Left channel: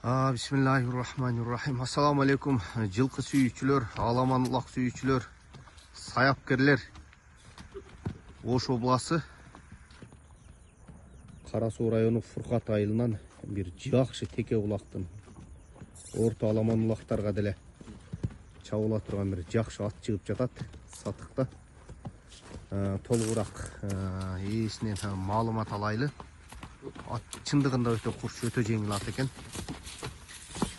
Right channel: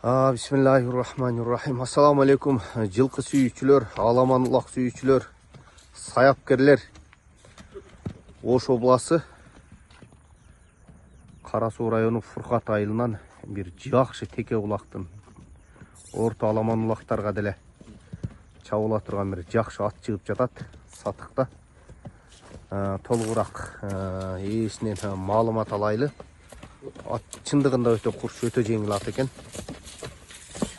Bismillahirrahmanirrahim. Assalamu alaikum. Жылқы сүйүүчүлөр, аламанлык сүйүүчүлөр, саяпкерлер. Ош обласы Кара Суу району Фуркат айылынан бир жакшы теке булактын орто аламанлыктарга деле чабыла турган бир жакшы ат чыгып жатат сатыкта. Толугураак ээсинен маалымат алайлы. Ат чындыгында өтө курч, өтө жеңил ат экен.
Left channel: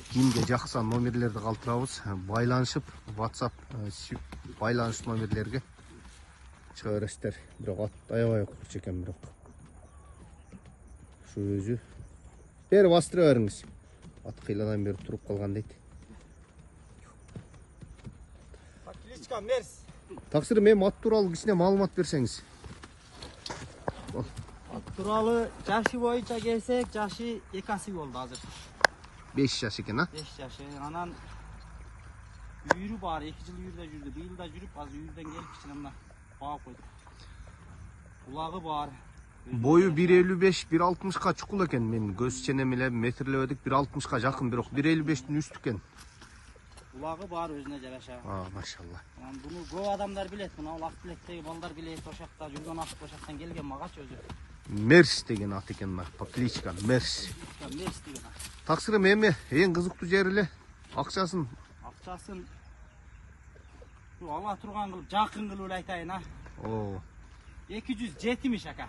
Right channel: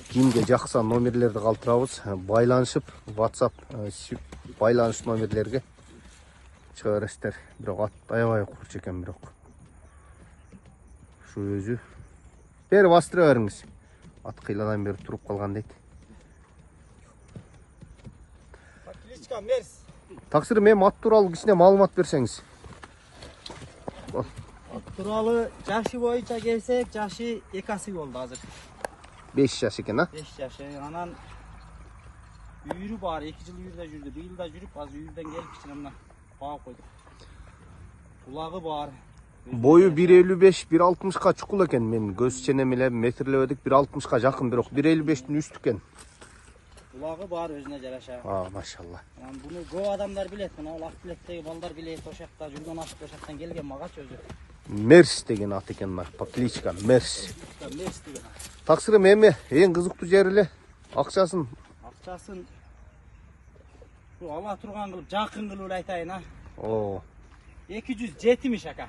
Кимге жакса номерлерди калтырабыз, байланышып, WhatsApp байланыш номерлерге чыга бересиздер. Бирок ат аябай курч экен, бирок ушу өзү бери бастыра бериңиз. Ат кыйладан бери туруп калган дейт. Кличка Мерс. Таксыр, мен ат тууралуу кичине маалымат берсеңиз. Ат тууралуу жашы боюнча келсек, жашы 2 асы болду азыр. 5 жаш экен, 5 жаш. Анан үйрү бар, 2 жыл үйрүдө жүрдү. Быйыл да жүрүп, азыр үйрүдөн келип кичине мына багып койдук. Булагы бар. Бою 1.55, 1.60ка чукул экен. Мен көз ченем эле метрлебедик, 1.60ка жакын, бирок 1.55тин үстү экен. Булагы бар, өзүнө жараша. Машалла. Буну көп адамдар билет. Мына ак билеттеги балдар билет, ошакта жүргөн ат, ошактан келген магачы өзү. Мерс деген ат экен, кличка Мерс. Мерс деген ат. Таксырым, эми эң кызыктуу жери эле акчасын ала турган кылып, жакын кылып айтайын, 270 ака.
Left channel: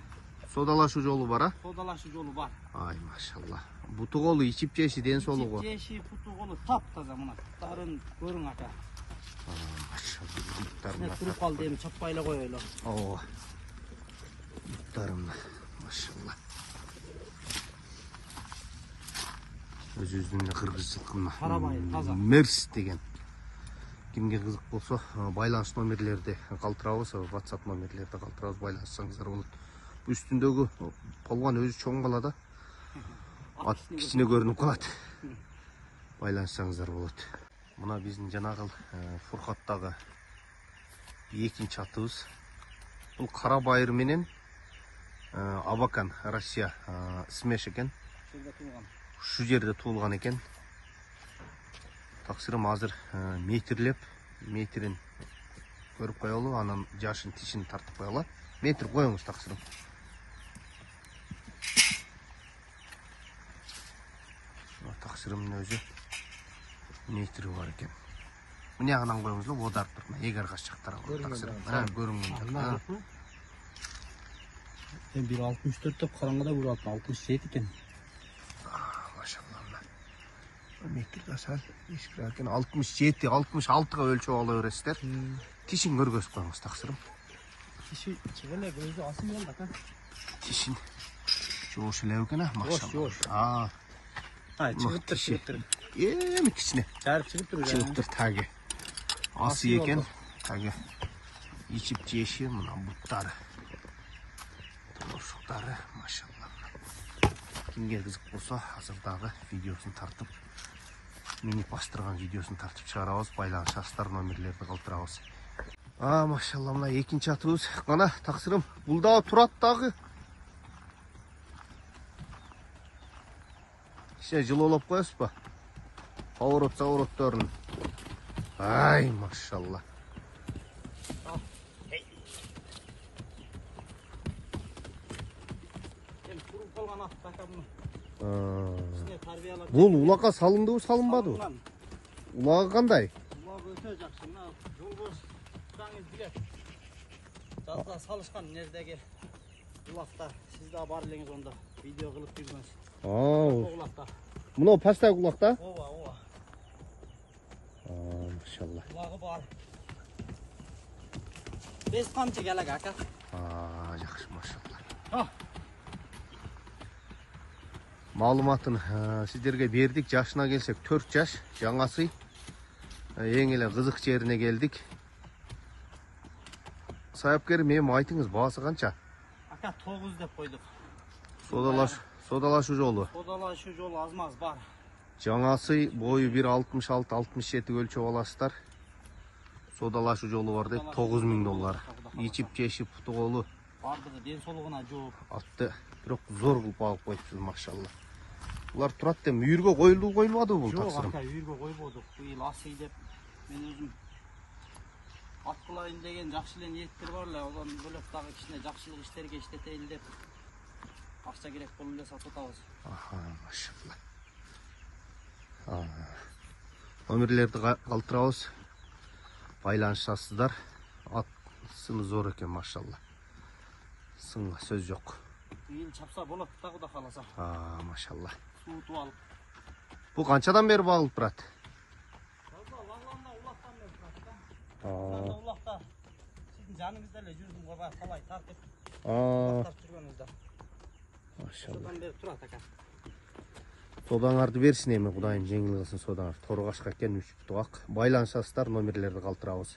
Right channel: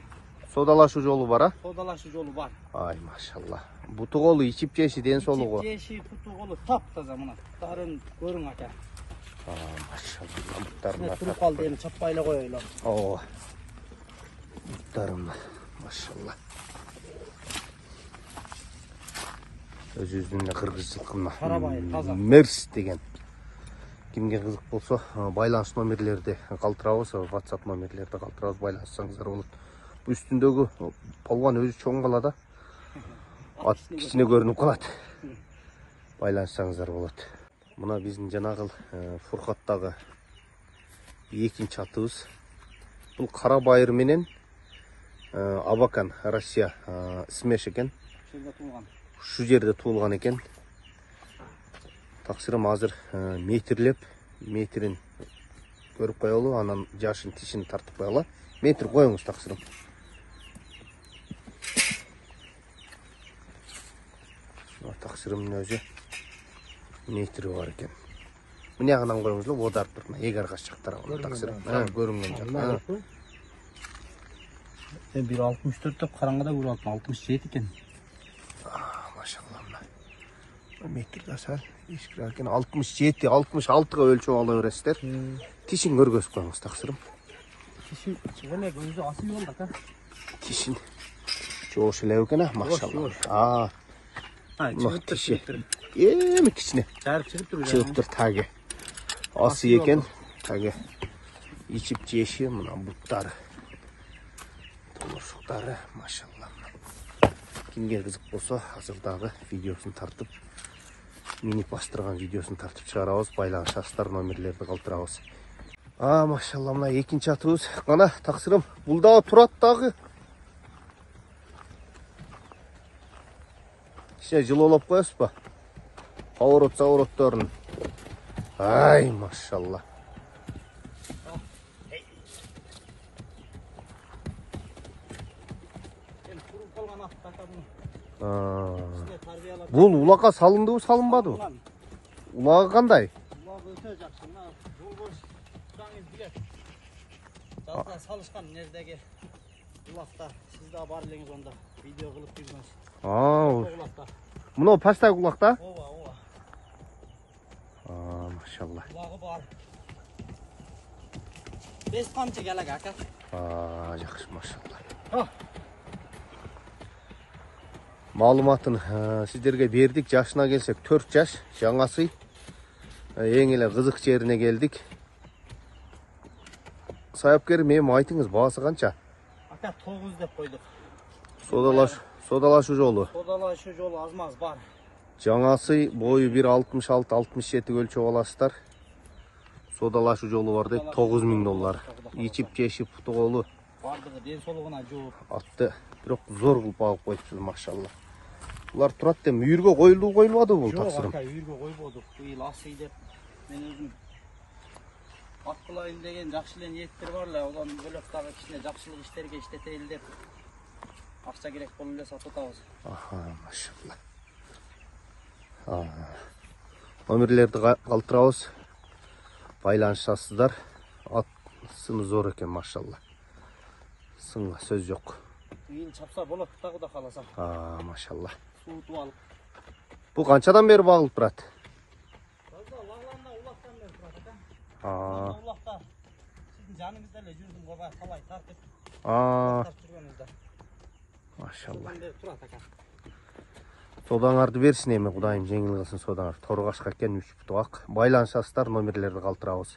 Содалашуу жолу бар, Содалашуу жолу бар. Ай, машалла. Буту колу, ичип жеши, ден соолугу. Ичип жеши, буту колу таптаза, мына буттарын көрүң ака. Машалла, буттарын. Туруп калды, эми чаппай эле коелу. Буттарын, машалла. Өзүбүздүн кыргыз жылкына. Карабай, таза. Мерс деген. Кимге кызык болсо, байланыш номерлерди калтырабыз, WhatsApp номерлерди калтырабыз, байланышсаңыздар болот. Үстүндөгү полгон өзү чоң калат, ат кичине көрүнүп калат. Байланышсаңыздар болот. Мына биздин жанагы Фуркаттагы экинчи атыбыз. Бул Кара Байыр менен Абакан, Россия смеш экен. Шу жерде туулган экен. Таксырым азыр метрлеп, метрин көрүп коелу, анан жашын тишин тартып коелу. Метр коюңуз, таксырым. Таксырымдын өзү метри бар экен. Мына ягынан коюңуз, оодарып туруп, эгер качак тарабына таксырым. Көрүнгөн жак. Мен 1.64 деп караңгыда көрүп 67 экен. Машалла. Метр гасал, ишкирак экен. 67, 66га өлчөп ала бересиздер. Тишин көргөзүп коюңуз, таксырым. Тиши эле өзү асы менен ака. Тишин жоош эле экен, машалла. Тиши эми кичине чыгыптыр таги. Асы экен, таги ичип жеши, мына буттары. Толушуктары, машалла. Кимге кызык болсо, азырдагы видеосун тартып, минип баштырган видеосун тартып чыгарабыз, байланышасыздар, номерлерди калтырабыз. Машалла, мына экинчи атыбыз. Кана, таксырым, бул дагы турат дагы. Кичине жылуулап коесузбу? Поворотторун. Ай, машалла. Бул улакка салындыбы, салынбадыбы? Улагы кандай? Улагы өтө жакшы. Мына жолбош тураңыз билет. Жазда салышкан нердеги улактар. Сиз да бар элеңиз онда видео кылып жүргөнсүз. Мына пастай улакта? Ооба. Машалла. Улагы бар. 5 камчы келек ака. Жакшы, машалла. Маалыматын сиздерге бердик. Жашына келсек 4 жаш, жаңасы. Эң эле кызык жерине келдик. Саяпкерим, эми айтыңыз, баасы канча? Ака 9 деп койдук. Содалашуу жолу. Содалашуу жолу аз-маз бар. Жаңасы бою 1.66-67 өлчөп аласыздар. Содалашуу жолу бар дейт, $9000. Ичип жешип, буту колу. Бардыгы ден соолугуна жооп. Атты бирок зор кылып багып коюпсуз, машалла. Bular turат dem үйірге koyulmadı bu Жоқ, тапсырым. ака, үйірге қойбодық. Биыл асый деп мен өзім ат қылайын деген жақсы эле ниеттер бар эле. Одан бөлөк дагы кичине жакшылык иштерге иштетейин деп акча керек болуп эле сатып атабыз. Aha, maşallah. Номерлерді калтырабыз. Байланышасыздар. Ат сыны зор екен, машалла. Сынға сөз жоқ. Биыл чапса болот да Кудай кааласа. Машалла. Суутуп алып. Бұл қаншадан бері бағылып тұрады? Лагланда улактан бери турат экен. Улакта сиздин жаныңызда эле жүрдүм го баягы талай тартып. Тартып жүргөнүңүздө. Машалла. Содан бери турат экен. Содаңарды берсін еме, Құдайым жеңіл қылсын содаңар. Торғашқа кен 3 бұтық. Байланышасыздар, номерлерді қалтырабыз.